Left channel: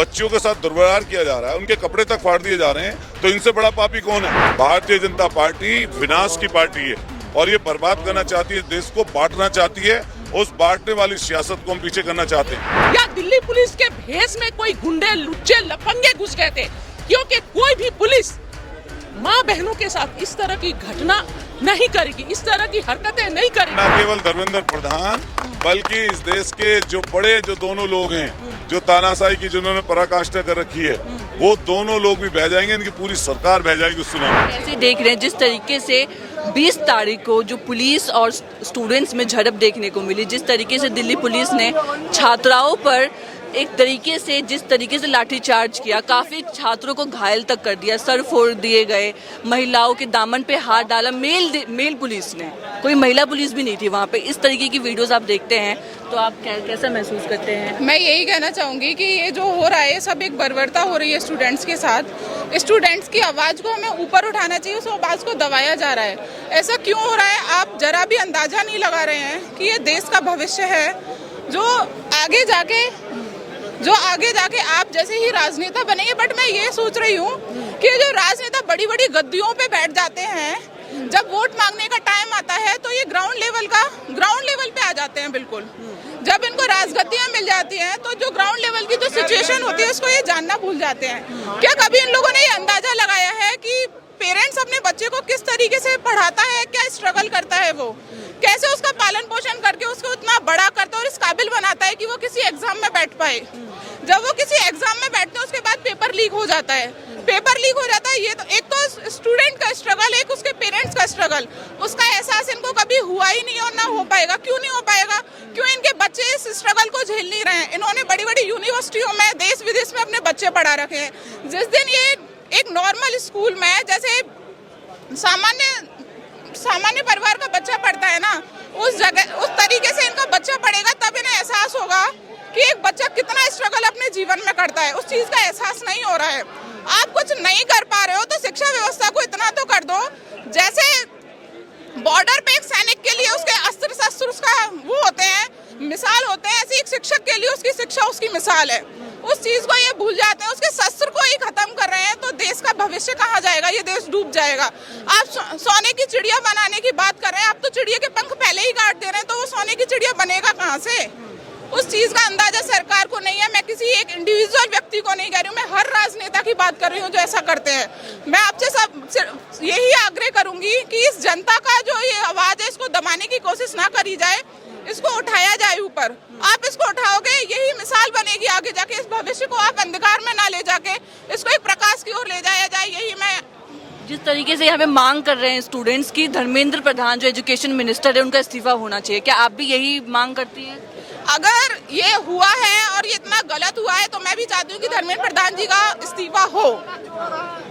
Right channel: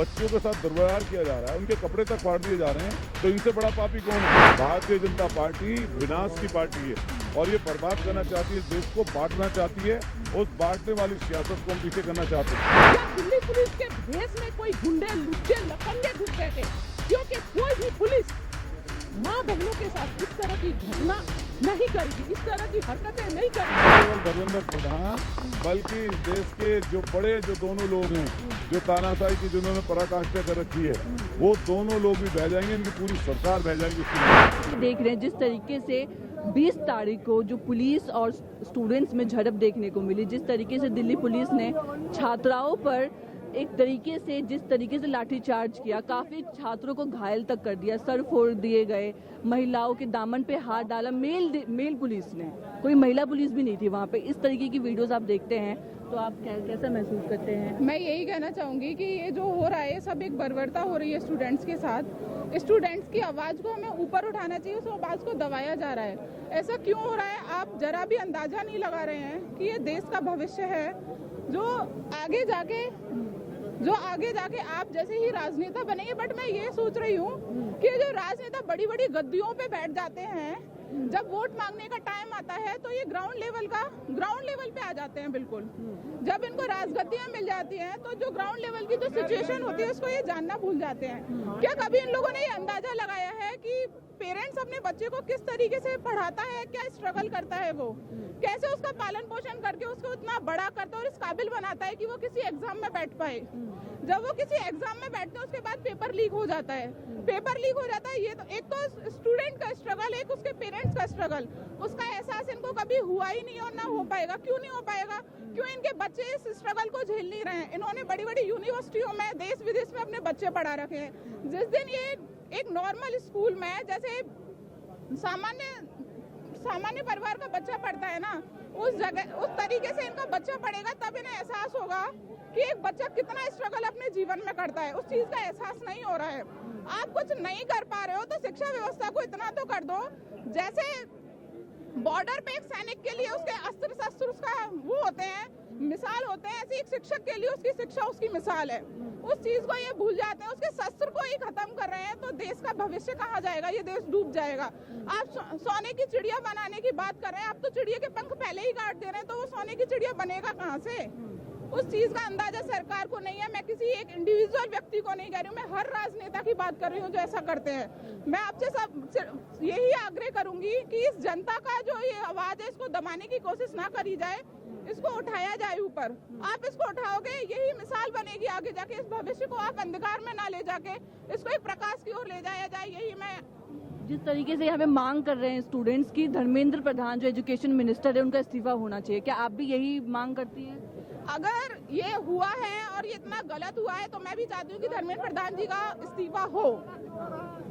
बच्चियों के साथ दुर्व्यवहार किया जा रहा है, उनके कपड़े तक फाड़ दिए जा रहे हैं, तो इनसे बड़ा पापी कौन है? भारतीय जनता पार्टी विनाश की पार्टी है और ये बर्बाद करना चाहती है, देश को बांटना चाहती है। उस बांटने वाली सियासत को हम पीछे करना चाहते हैं। क्या दिल्ली पुलिस के भेष में कोई गुंडे, लुच्चे, लफंगे घुस गए थे? क्योंकि कोई भी पुलिस माँ बहनों के साथ इस तरह की घटना नहीं करेगी, इस तरह की हरकतें नहीं करेगी। न केवल धर्मेंद्र प्रधान बल्कि इस देश के जो दोनों लोग हैं, जो तानाशाही की जिन्होंने पराकाष्ठा कर रखी है, वो दोनों लोग भी बह जाएंगे, इनकी पूरी सरकार बह जाएगी उस समय। ऐसे देख रहे हैं जिस तरीके से 20 तारीख को जो पुलिस और स्टूडेंट्स में झड़प देखने को मिली, जिस तरीके से दिल्ली पुलिस ने छात्राओं पर एक तरीके से जिस तरीके से लाठीचार्ज किया, काफी छात्रों को घायल तक कर दिया, सर फोड़ दिए गए, महिलाओं के दामन पे हाथ डाला, मेल पुलिस ने, कोई महिला पुलिस भी नहीं थी वहाँ पे। इस तरीके की वीडियोस आप देखते हैं तो आप कैसा महसूस करते हैं? मैं यही कहना चाहूँगी कि ये जो हो रहा है सब एक बर्बरता हो रही है स्टूडेंट्स के साथ। स्टूडेंट्स की आवाज़ को हमें ऊपर उठाना चाहिए, उस आवाज़ को दबाया जा रहा है। ऐसा क्यों हो रहा है? आप जरा भी अंदाजा नहीं लगा रहे हैं कि ये देश का भविष्य है जो आगे जाके आप जैसे ही राजनेता बनेंगे। बट मैं ये सोच रही हूँ कि जो राजनेता बड़ी बड़ी गद्दियों पे बैठ जाते हैं, जब वोट मांगने का टाइम आता है तो ये ग्राउंड लेवल पे आ जाते हैं। बिल्कुल जब इनको राजगद्दियां मिल जाती हैं तो जो ग्राउंड लेवल की जो सिचुएशन होती है उसको ये जानना भूल जाते हैं। क्या कभी इन लोगों ने ये अंदाजा लगाया है कि पेरेंट्स अपने बच्चे को किस तरीके से पढ़ाता है, क्या स्ट्रगल करता है, वो कैसे उसका पालन पोषण करके उसको इतना बड़ा करता है और इस काबिल बनाता है कि वो किसी एग्जाम में बैठ पाए। जब वो किसी एग्जाम में बैठते हैं उसके बाद पेपर लीक हो जाता है। ये तो एक तो स्टूडेंट का स्ट्रगल, एक उसके पेरेंट्स का स्ट्रगल, उसका एहसास इनको कभी हुआ ही नहीं और ना हो पाएगा। क्यों नहीं हो पाएगा? क्यों इनके बच्चे इस स्ट्रगल को झेल नहीं रहे हैं? इन्होंने बड़ी बड़ी यूनिवर्सिटियों में देश विदेश में अपने बच्चे पढ़ा रखे हैं। जिस दिन ये एक नॉर्मल स्कूल में जैसे सामान्य परिवार का बच्चा पढ़ता है ना, उस तरीके से इनका बच्चा पढ़ेगा, तब इन्हें एहसास होगा कि एक बच्चा कितना स्ट्रगल अपने जीवन में करता है। उस चीज का एहसास नहीं हो रहा है। आप कुछ नहीं कर पा रहे हो तो शिक्षा व्यवस्था को इतना तो कर दो, जैसे बॉर्डर पे एक सैनिक के लिए उसके अस्त्र शस्त्र उसका वो होते हैं, मिसाल होते हैं, ऐसे एक शिक्षक के लिए उसकी शिक्षा उसकी मिसाल है। उस चीज को ये भूल जाते हैं, उसके शस्त्र को ही खत्म कर रहे हैं, तो देश का भविष्य कहाँ जाएगा? ये देश डूब जाएगा। आप सोने की चिड़िया बनाने की बात कर रहे हैं, आप तो चिड़िया के पंख पहले ही काट दे रहे हैं, तो वो सोने की चिड़िया बनेगा कहाँ से? उस चीज का अंदाजा सरकार को नहीं है। मैं किसी एक इंडिविजुअल व्यक्ति को नहीं कह रही हूँ, मैं हर राजनेता की बात कर रही हूँ जो ऐसा करते हैं। मैं आपसे सब यही आग्रह करूंगी कि इस जनता का जो ये आवाज है इसको दबाने की कोशिश ना करी जाए, इसको उठाया जाए ऊपर। आप इसको उठाओगे, यही मिसाल बनेगी आगे जाके। इस भविष्य को आप अंधकार में ना ले जाके इसको एक प्रकाश की ओर ले जाया जाए, यही मैं। जिस तरीके से यहाँ पे मांग कर रहे हैं स्टूडेंट्स की, धर्मेंद्र प्रधान जो एजुकेशन मिनिस्टर है उनका इस्तीफा होना चाहिए, क्या आप भी यही मांग करती हैं? अगर ये हुआ है और ये इतना गलत हुआ है तो मैं भी चाहती हूँ कि धर्मेंद्र प्रधान जी का इस्तीफा हो,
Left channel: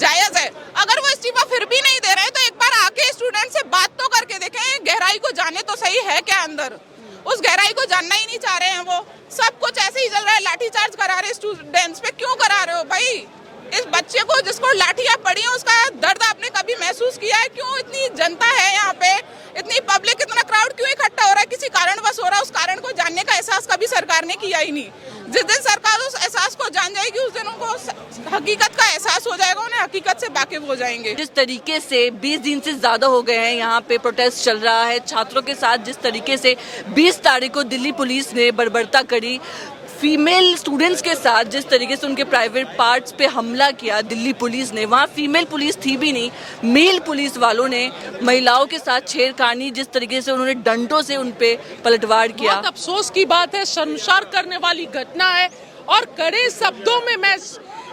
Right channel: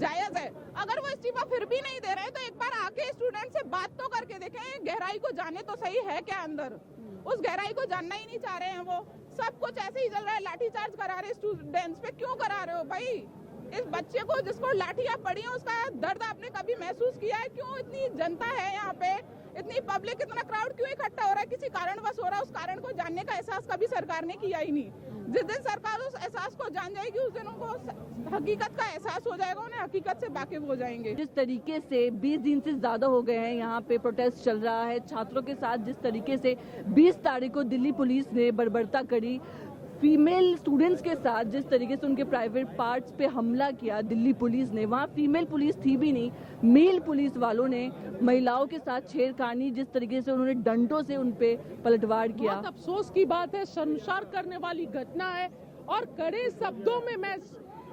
जायज है। अगर वो इस्तीफा फिर भी नहीं दे रहे हैं तो एक बार आके स्टूडेंट से बात तो करके देखें, गहराई को जाने तो सही है क्या अंदर। उस गहराई को जानना ही नहीं चाह रहे हैं। वो सब कुछ ऐसे ही चल रहा है, लाठीचार्ज करा रहे स्टूडेंट्स पे। क्यों करा रहे हो भाई? इस बच्चे को जिसको लाठियां पड़ी हैं उसका दर्द आपने कभी महसूस किया है? क्यों इतनी जनता है यहाँ पे, इतनी पब्लिक, इतना क्राउड क्यों इकट्ठा हो रहा है? किसी कारणवश हो रहा है। उस कारण को जानने का एहसास कभी सरकार ने किया ही नहीं। जिस दिन सरकार उस एहसास को जान जाएगी उस दिन उनको हकीकत का एहसास हो जाएगा, उन्हें हकीकत से वाकिफ हो जाएंगे। जिस तरीके से 20 दिन से ज्यादा हो गए हैं यहाँ पे प्रोटेस्ट चल रहा है छात्रों के साथ, जिस तरीके से 20 तारीख को दिल्ली पुलिस ने बर्बरता करी फीमेल स्टूडेंट्स के साथ, जिस तरीके से उनके प्राइवेट पार्ट्स पे हमला किया दिल्ली पुलिस ने, वहाँ फीमेल पुलिस थी भी नहीं, मेल पुलिस वालों ने महिलाओं के साथ छेड़खानी, जिस तरीके से उन्होंने डंडों से उन पे पलटवार किया। बहुत अफसोस की बात है, शर्मसार करने वाली घटना है और कड़े शब्दों में मैं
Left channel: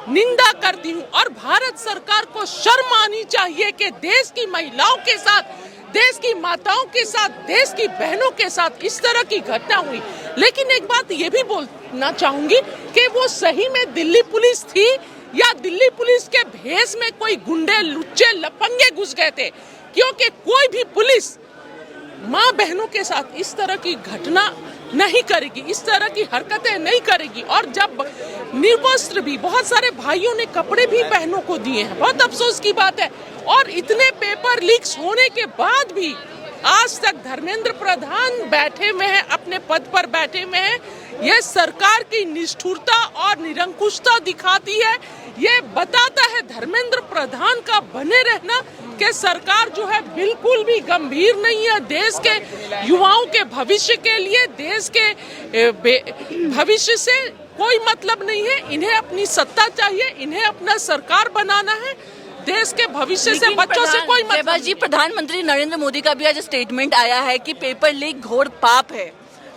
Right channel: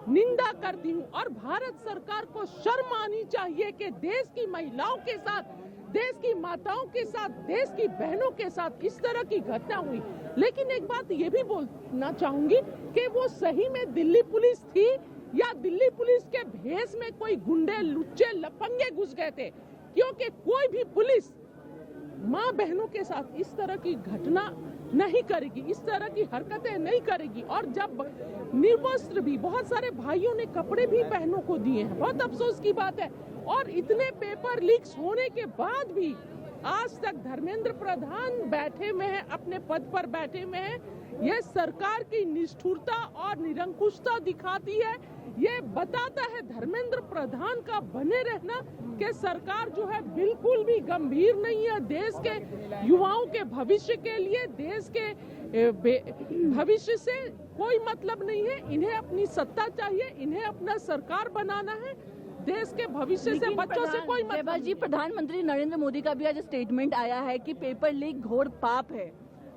निंदा करती हूँ। और भारत सरकार को शर्म आनी चाहिए कि देश की महिलाओं के साथ, देश की माताओं के साथ, देश की बहनों के साथ इस तरह की घटना हुई। लेकिन एक बात ये भी बोलना चाहूंगी कि वो सही में दिल्ली पुलिस थी या दिल्ली पुलिस के भेष में कोई गुंडे, लुच्चे, लफंगे घुस गए थे? क्योंकि कोई भी पुलिस माँ बहनों के साथ इस तरह की घटना नहीं करेगी, इस तरह की हरकतें नहीं करेगी। और जब निर्वस्त्र भी बहुत सारे भाइयों ने कपड़े भी बहनों को दिए हैं, बहुत अफसोस की बात है। और इतने पेपर लीक्स होने के बाद भी आज तक धर्मेंद्र प्रधान बैठे हुए हैं, अपने पद पर बैठे हुए हैं। ये सरकार की निष्ठुरता और निरंकुशता दिखाती है। ये बताता है धर्मेंद्र प्रधान का बने रहना कि सरकार जो है बिल्कुल भी गंभीर नहीं है देश के युवाओं के भविष्य के लिए। देश के भविष्य से कोई मतलब नहीं है। इन्हें अपनी सत्ता चाहिए, इन्हें अपना सरकार बनाना है। देश के भविष्य से, बच्चों से कोई मतलब जी। प्रधानमंत्री नरेंद्र मोदी का भी आज स्टेटमेंट आया है कि पेपर लीक घोर पाप है।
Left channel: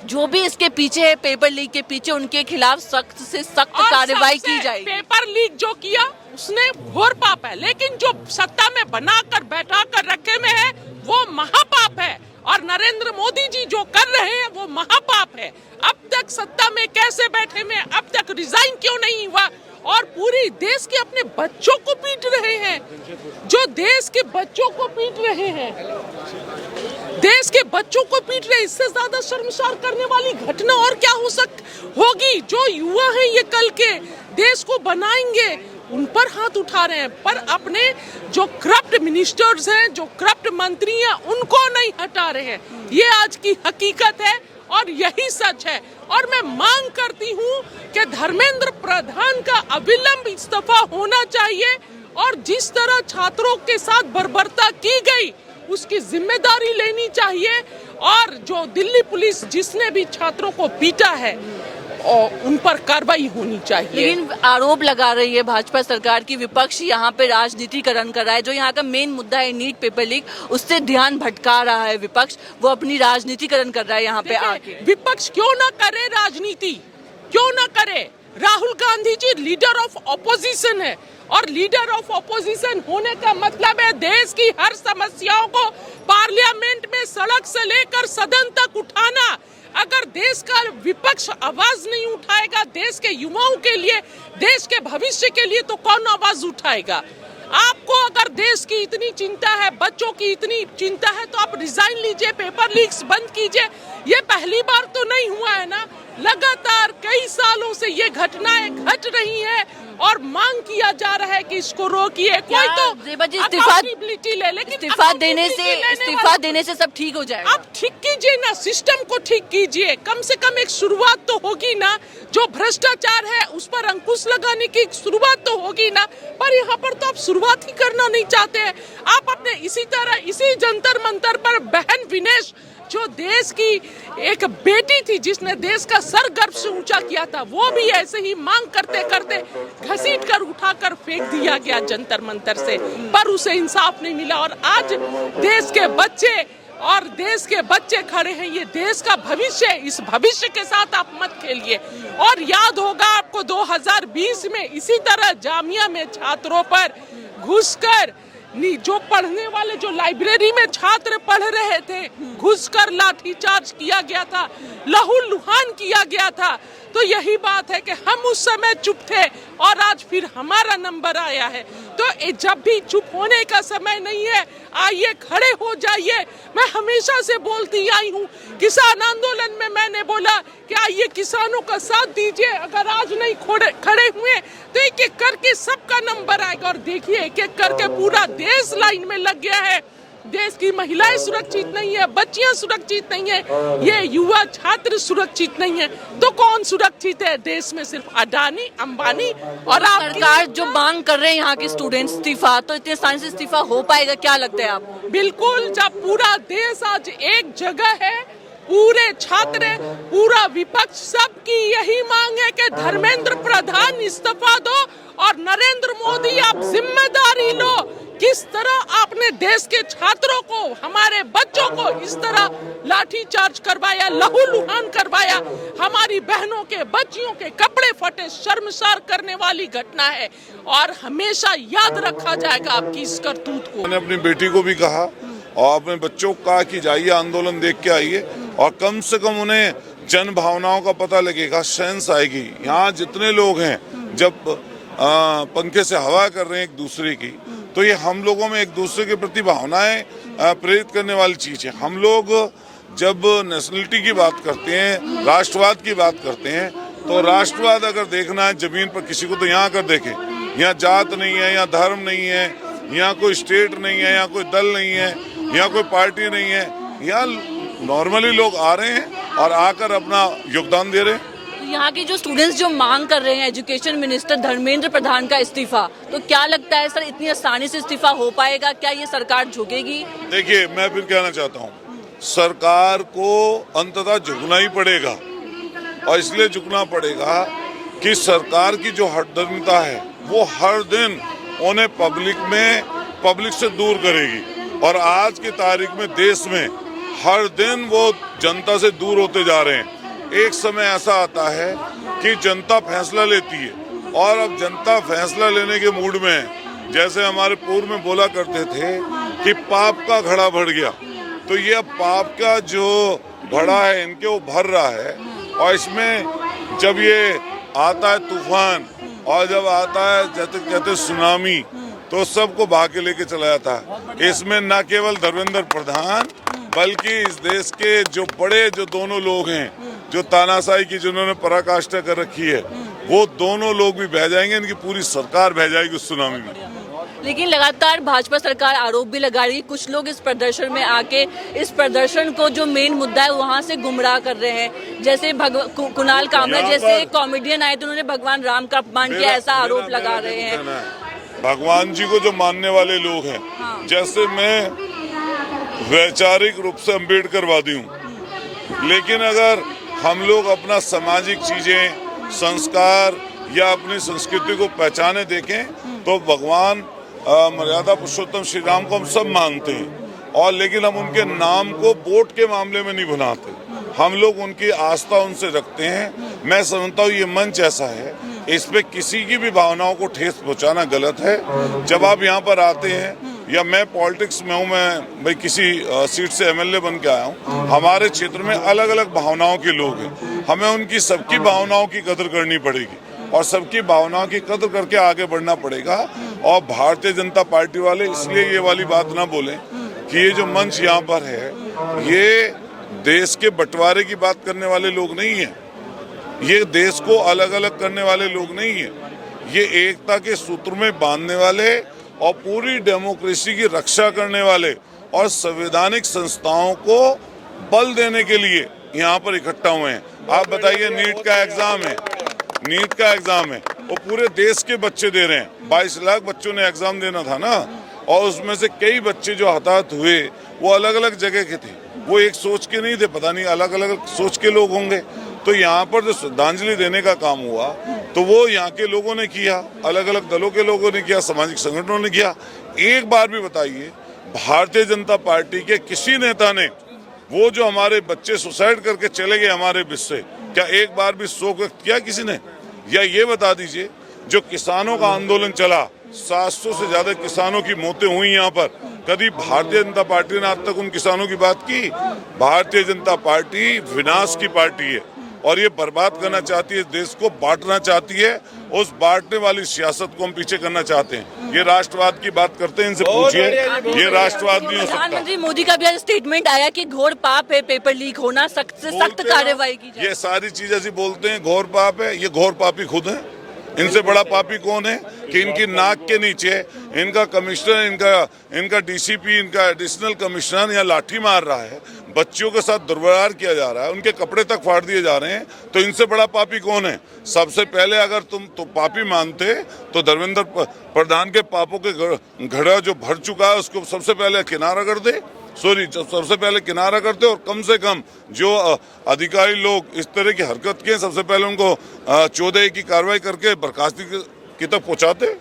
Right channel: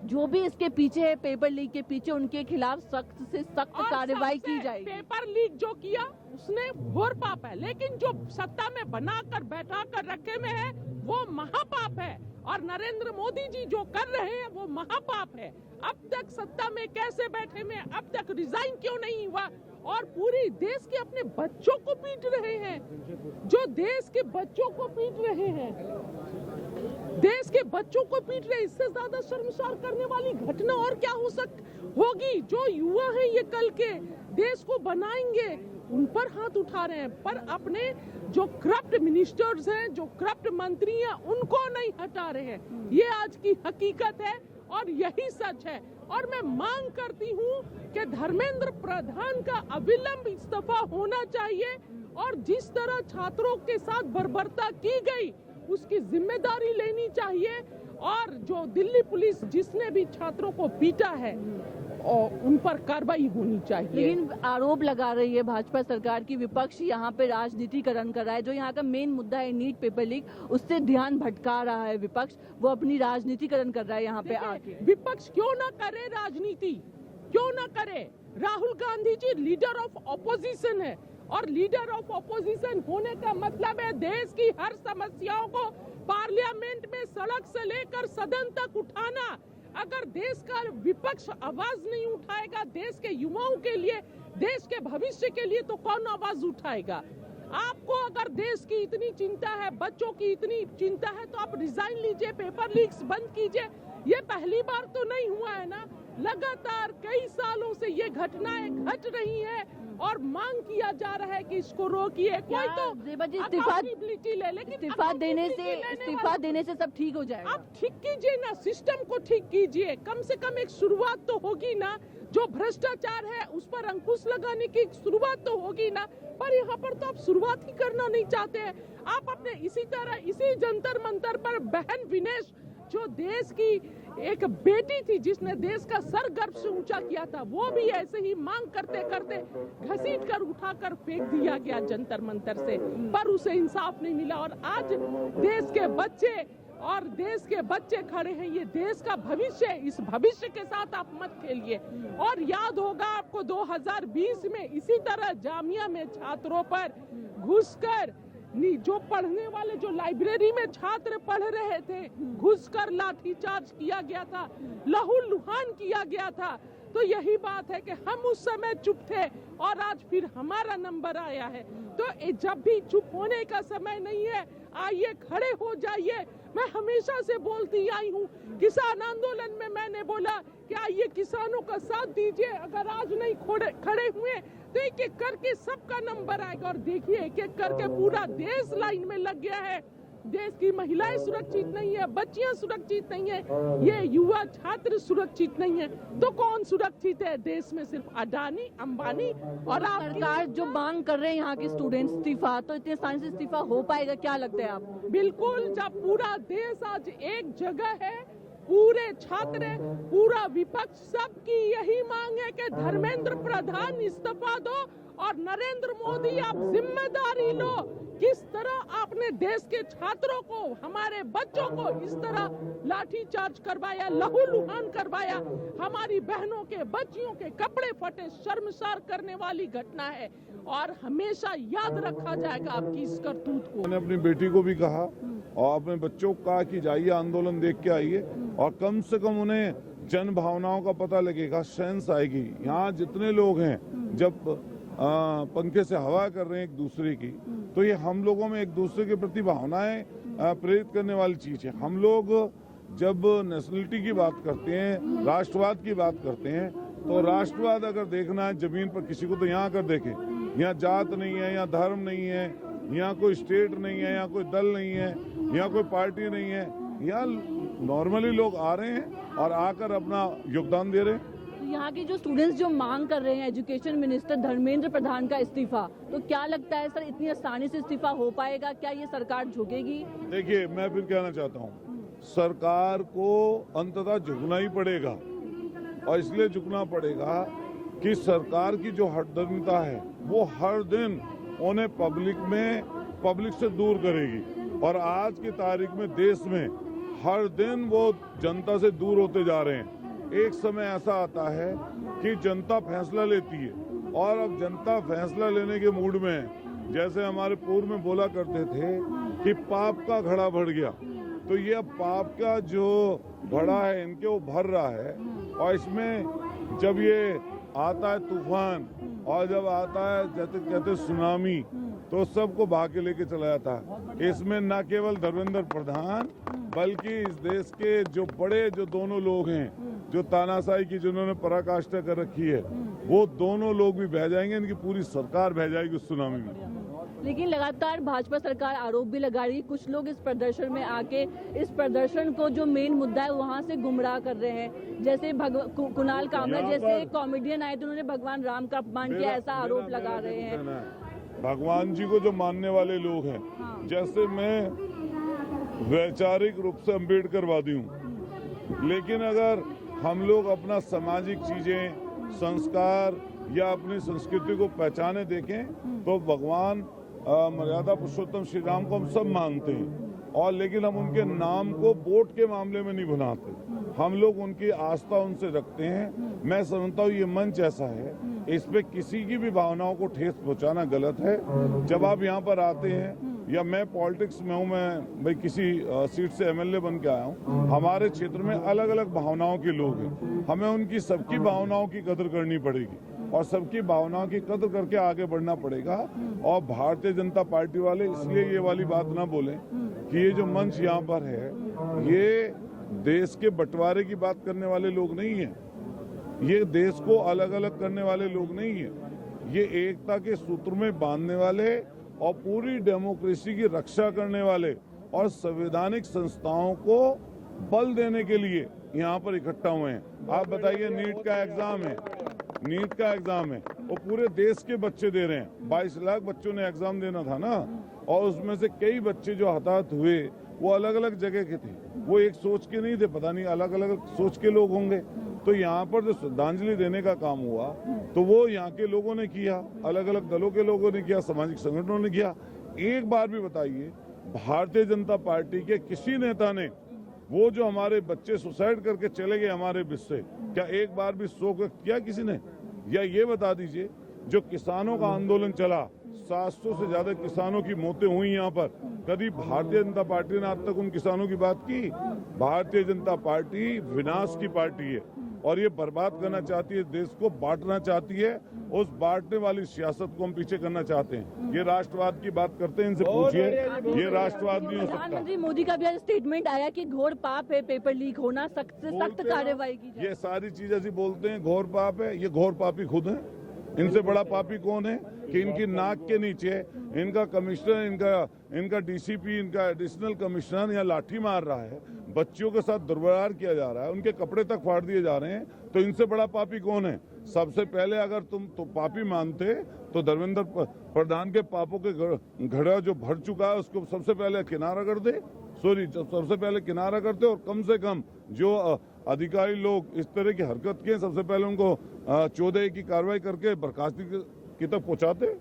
जो भी इसके पीछे है, पेपर लीक के पीछे, उनके खिलाफ सख्त से सख्त कार्रवाई की जाएगी। पेपर लीक जो किया उसने घोर पाप है, लेकिन जो सत्ता में बनाकर बैठा कर रखे में है वो महापाप है। और नरेंद्र मोदी जी जो कर रहे हैं वो महापाप है। अब तक सत्ता में कैसे बैठे में, अब तक रिजाइन क्यों नहीं हुआ? और पूरी देश के अपने बच्चों को पीट रहे हैं, जो देश के बच्चों को पीट रहे हैं, देश के बच्चों को पीट रहे। इससे ज्यादा शर्मसार करने वाली घटना और क्या होगी? जो युवा हैं ये कल के देश को बनाएंगे, उन पर हाथ उठा रहे हैं, पर अपने जो करप्ट मिनिस्टर्स हैं, जो करप्ट मंत्री हैं, उनको नहीं हटा रहे हैं। ये आज की हकीकत है और यही सच है। और मैं मांग करती हूँ कि धर्मेंद्र प्रधान का अविलंब इस्तीफा होना चाहिए और जिस तरह छात्रों के साथ बर्बरता की गई उसकी जिम्मेदारी लेनी चाहिए। और जो दिल्ली पुलिस जिसने भी छात्रों को पीटा है और उन पर कार्रवाई होनी चाहिए। लेकिन आरोप लगा रही है भाजपा सरकार की विपक्ष यहाँ पे राजनीतिकरण कर रहा है। जो यहाँ का मेन मुद्दा है नीट पेपर लीक, उससे ध्यान भटका रहा है विपक्ष। वो अपनी राजनीतिकरण कर रहा है यहाँ पे आके। विपक्ष क्यों ना करे राजनीति, क्यों ना करे? Rahul Gandhi ji leader of opposition है और लीडर ऑफ ऑपोजिशन होने का मतलब है देश की हर समस्याओं को पार्लियामेंट में सड़क से लेकर सदन तक उठाना। अगर देश का विपक्ष आवाज नहीं उठाएगा देश के युवाओं के लिए, देश के भविष्य के लिए, तो कौन आवाज उठाएगा? आपको अगर देश की इतनी चिंता है, बच्चों की इतनी चिंता है, तो आप रिजाइन लीजिए, पेपर लीक्स बंद कीजिए। ये पहली बार तो नहीं हुआ है ना, लगातार कई सालों से ये घटनाएं घट रही हैं और मांग किया जा रहा है कि इसको रोकिए। कोई तो अकाउंटेबिलिटी ले, लेकिन इस्तीफा देने से सब ठीक हो जाएगा। आप ठीक कीजिए ना, सिस्टम को ठीक कीजिए। कम से कम एक शुरुआत तो होगी ना। जो भ्रष्टाचार है उस पर अंकुश लगाने की शुरुआत तो होगी ना। पर यहाँ पर तो आप शुरुआत ही करना नहीं चाहते हैं। आप अपने इसी तरह इसी जंतर मंतर पर बहन विनेश, जो देश की एक बेटी थी जिसने देश का सर गर्व से ऊंचा किया था, वो भी ऐसे ही मांग करते करते घसीट कर उठाकर फेंक दिया गया जंतर मंतर से, पर उसे इंसाफ नहीं मिला। और आज देश के बच्चे खड़े हैं। ये देश का भविष्य है, इस भविष्य के साथ आप मत खेलिए। और याद होगा आपको 2020 में इसी तरह जामिया में छात्रों पर घुसकर, जो पढ़ने वाले, जो लाइब्रेरी में छात्र पढ़ रहे थे, घुसकर लाठीचार्ज किया गया था, लहूलुहान किया गया था। तो यही बात है कि हम उस समय चुप थे और आज फिर हमारा नंबर आया है। तो जब भी चुप होने का समय नहीं है, आइए खड़े हो जाइए। मैं हमेशा से बोलती आई हूँ, किसान आंदोलन में मैंने बोला कि आइए किसानों का साथ दीजिए। अगर आज नहीं खड़े हुए तो एक एक करके सबका नंबर आएगा। और देखिए एक एक करके पूरा देश लाइन में लग गया है। देश की महिलाएं सुरक्षित नहीं है, बच्चियां सुरक्षित नहीं है, ये युवा छात्र सुरक्षित नहीं है। तो कौन सुरक्षित है? देश में सिर्फ अडानी, अंबानी और आप। सरकार जो मांग कर रहे हैं यहाँ के स्टूडेंट्स इस्तीफा, तो इतने आसानी से इस्तीफा हो पाएगा? क्या लगता है आपको? बिल्कुल, जब पूरा देश आज एक जगह है, पूरे छात्र, पूरा विपक्ष, सबकी यही मांग है कि धर्मेंद्र प्रधान इस्तीफा दो और नरेंद्र मोदी आप जिम्मेदारी लो। किस तरह आपने देश के छात्रों को, हमारे बच्चों को इस तरह लाठीचार्ज करवाया, लहूलुहान करवाया, हमारी बहनों के, बच्चियों के कपड़े फटे, शर्मसार करने वाली घटना है और हमेशा याद रखा जाएगा आपकी इस करतूत को। मैंने अपनी बेटी को भी कहा और अपने बच्चों को कहा कि जाइए आंदोलन देख के आइए और कम से कम उन्हें जन भावनाओं का पता लगेगा, सेंस आएगी। यहाँ जितने लोग हैं, जब पंखे से हवा कर रहे हैं एक दूसरे की, तो ये हम लोगों में एक दूसरे के प्रति भावनाएं प्रेरित करने वाली चीज है। हम लोग जब नेशनलिटी की बात करते हैं, राष्ट्रवाद की बात करते हैं, तो राष्ट्रवाद अगर देखना है जमीन पर किसी को, तो यहाँ कर देखें। यहाँ जात नहीं है, यहाँ धर्म नहीं है, यहाँ कोई स्टेट नहीं है, यहाँ कोई दल नहीं है, यहाँ कोई पार्टी नहीं है, यहाँ नॉर्मली लोग आ रहे हैं और आकर अपना योगदान दे रहे हैं। तो यहाँ के जो स्टूडेंट्स जो मांग कर रहे हैं एजुकेशन मिनिस्टर धर्मेंद्र प्रधान का इस्तीफा, तो क्या लगता है सर इतनी आसानी से इस्तीफा हो पाएगा? क्या ये सरकार झुकेगी? देखिए, मैं फिर कहना चाहता हूँ, सरकार को अंततः झुकना ही पड़ेगा, और इसलिए झुकना पड़ेगा कि सरकार की जो हठधर्मिता है वो हर दिन उन्हें पब्लिक से दूर करेगी। और आज की तारीख में देश में हर दिन वो जनता से दूर होते जा रहे हैं। एक समय ऐसा आता है कि जनता फैसला लेती है, और अब जनता फैसला लेने के मूड में है। जैसे हमारे पूर्व में बोला करते थे कि पाप का घड़ा भर गया, तो ये अब पाप का जो घड़ा है इनके वो भर रहा है। और इसमें जब ये आता है तूफान, और जब आता है जैसे कहते सुनामी, तो सबको बहा के लेके चला जाता है। इसमें न केवल धर्मेंद्र प्रधान बल्कि इस देश के जो बड़े जो दोनों लोग हैं, जो तानाशाही की जिन्होंने पराकाष्ठा कर रखी है, वो दोनों लोग भी बह जाएंगे, इनकी पूरी सरकार बह जाएगी उस सुनामी में। लेकिन लगातार भाजपा सरकार आरोप भी लगा रही है, कुछ लोग इस प्रदर्शन में आके इस प्रदर्शन को जो मेन मुद्दा है वहाँ से गुमराह कर रहे हैं। जैसे कुणाल कामरा जैसे कॉमेडियन आए तो उन्होंने भगवान राम का अपमान किया, ऐसा आरोप लगा रहे हैं। भगवान जी को जो मानने वाले लोग हैं, जैसे मैं वैचारिक रूप से अम्बेडकरवादी हूँ, लेकिन अगर हम लोग अपना सामाजिक चीजें, संस्कार या अपनी संस्कृति को पहचाने देखें तो भगवान मर्यादा पुरुषोत्तम श्री राम को हम सब मानते हैं, और लेकिन हम उनके नाम को वोट के मामले में नहीं बनाते। हम लोग उनकी आस्था उनसे रखते हैं। मैं समझता हूँ ये मंच ऐसा है, इस पे किसी की भी भावनाओं को ठेस पहुंचाना गलत है। जब आप यहाँ पर आते हैं, या मैं पॉलिटिक्स में हूँ, मैं भाई किसी सीट से एमएलए बन के आया हूँ, हमारे क्षेत्र में अलग अलग भावनाओं के लोग हैं, हमें उनकी सबकी भावनाओं की कदर करनी पड़ेगी और सबकी भावनाओं की कदर करके आगे बढ़ना पड़ेगा। और भारतीय जनता पार्टी वाले इसलिए ये वाली बात ना बोलें कि ये जो मंच यहाँ पर है ये देश के बंटवारे की बात करने वाले लोग नहीं है, ये देश को अलग अलग करने वाले लोग नहीं है, ये एकता के सूत्र में बांधने वाले और पूरी डेमोक्रेसी की रक्षा करने वाले और संवैधानिक संस्थाओं को बल देने के लिए यहाँ पर इकट्ठा हुए हैं। आप बताइए, नीट का एग्जाम है, वो पूरे देश के बच्चे दे रहे हैं। 22 लाख बच्चों ने एग्जाम देना था ना, और उसमें से कई बच्चे जो हताहत हुए वो अलग अलग जगह के थे, वो एक सोच के नहीं थे, पता नहीं अलग अलग सोच के लोग होंगे। तो यहाँ पर जो श्रद्धांजलि देने का काम हुआ तो वो यहाँ के लोगों ने किया, अलग अलग दलों के लोगों ने किया, सामाजिक संगठनों ने किया। एक बार भी बताइए, भारतीय जनता पार्टी के किसी नेता ने वो जो हमारे बच्चे सुसाइड करके चले गए हमारे बीच से, क्या एक बार भी शोक व्यक्त किया किसी ने? या ये बता दीजिए, जो किसानों का आंदोलन चला, 700 से ज्यादा किसानों की मौतें हुई यहाँ पर, कभी भारतीय जनता पार्टी ने आज तक उन किसानों की बात की? भारतीय जनता पार्टी विनाश की पार्टी है और ये बर्बाद करना चाहती है, देश को बांटना चाहती है। उस बांटने वाली सियासत को हम पीछे करना चाहते हैं। ये राष्ट्रवाद की बात करते हैं, इनसे पूछिए, ये राष्ट्रवाद नहीं हो सकता। प्रधानमंत्री मोदी का भी आज स्टेटमेंट आया कि घोर पाप है पेपर लीक होना, सख्त से सख्त कार्रवाई की जाए। ये सारी चीज ऐसी बोलते हैं घोर पाप है, ये घोर पापी खुद है। इनसे बड़ा पापी कौन है कि इनकी नाक के नीचे इनका कमिश्नर, इनका डीसीपी, इनका एडिशनल कमिश्नर यहाँ लाठी मार रहा है, बच्चियों के साथ दुर्व्यवहार किया जा रहा है, उनके कपड़े तक फाड़ दिए जा रहे हैं। तो इनसे बड़ा पापी कौन है? सबसे पहले अगर तुम तो पापी मानते तो धर्मेंद्र प्रधान के पापों के घड़ा जो भर चुका है उसको सबसे पहले किनारा कर दे, सबसे पहले किनारा करते, और कम से कम जो अधिकारी लोग इस तरह की हरकत किए सबसे पहले उनको 14 की कार्रवाई करके बर्खास्तगी की तक पहुंचाते।